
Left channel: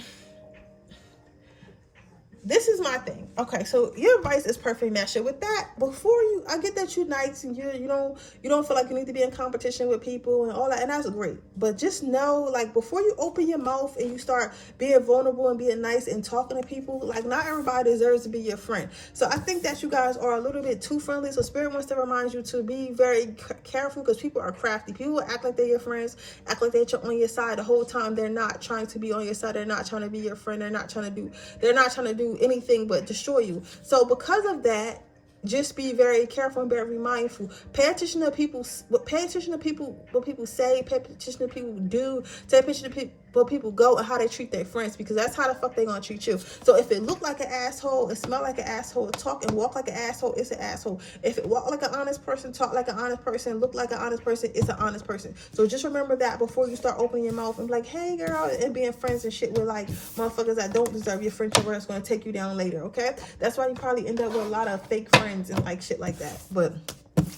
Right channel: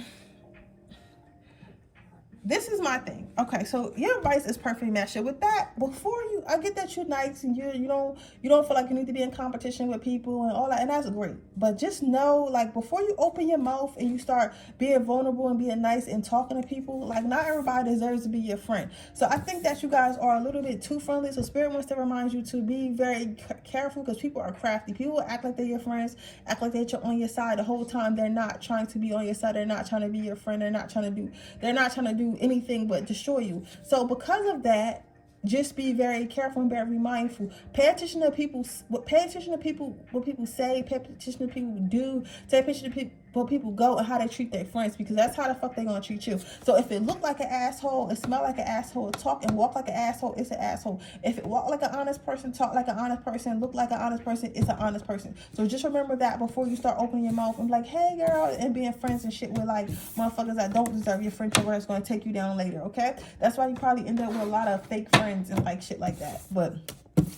this is my thing. Okay, so your advice is perfect match. So with that, before you, I get that you're nice and you don't feel like you need to be in competition with people and all that, and that's great. But just know, like, before you open your mouth and you start being vulnerable and being nice and talking to people, like, not everybody deserves to be your friend. So I think that you guys are a little bit too friendly. So Spirit wants to remind you to be very careful, because people are crafty. People act like they're your friends, act like they're on your side the whole time. They're not trying to be on your side. They're not trying to be your friend. They're not trying to do anything but destroy you. So because of that, just be very careful and very mindful. Pay attention to people. Pay attention to people. What people say. Pay attention to people do. Pay attention to people. Where people go and how they treat their friends, because that's how the fuck they gonna treat you. So if it look like an asshole, it smell like an asshole, talk and walk like an asshole, it's an asshole. If it walk like an honest person, talk like an honest person, look like an honest person, it's an honest person. So just remember that before you start opening your mouth and be like, hey girl, and being friends and shit with like motherfuckers that don't deserve your friendship or that's gonna take you down later. Okay, that's why you probably end up with a lot of fake friends and like shit like that. But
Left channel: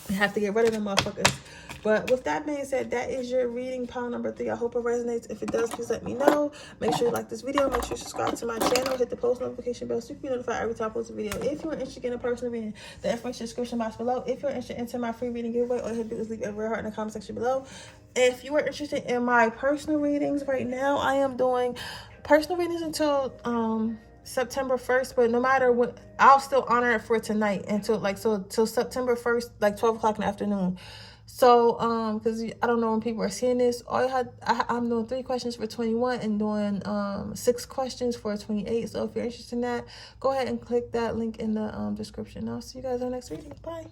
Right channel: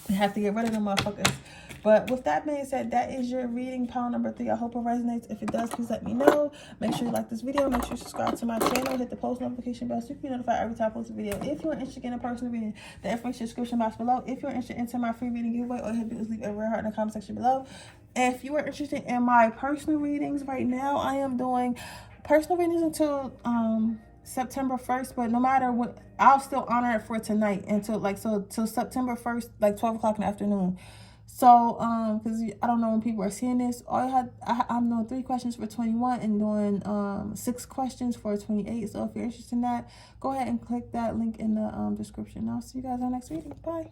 you have to get rid of them motherfuckers. But with that being said, that is your reading, pile number 3. I hope it resonates. If it does, please let me know. Make sure you like this video. Make sure you subscribe to my channel. Hit the post notification bell so you can be notified every time I post a video. If you're interested in a personal reading, the information in the description box below. If you're interested in my free reading giveaway, all you have to do is leave a red heart in the comment section below. If you are interested in my personal readings right now, I am doing personal readings until September 1st, but no matter what, I'll still honor it for tonight until till September 1st, like 12 o'clock in the afternoon. So, because I don't know when people are seeing this, I'm doing 3 questions for 21 and doing 6 questions for 28. So if you're interested in that, go ahead and click that link in the description. I'll see you guys on the next reading. Bye.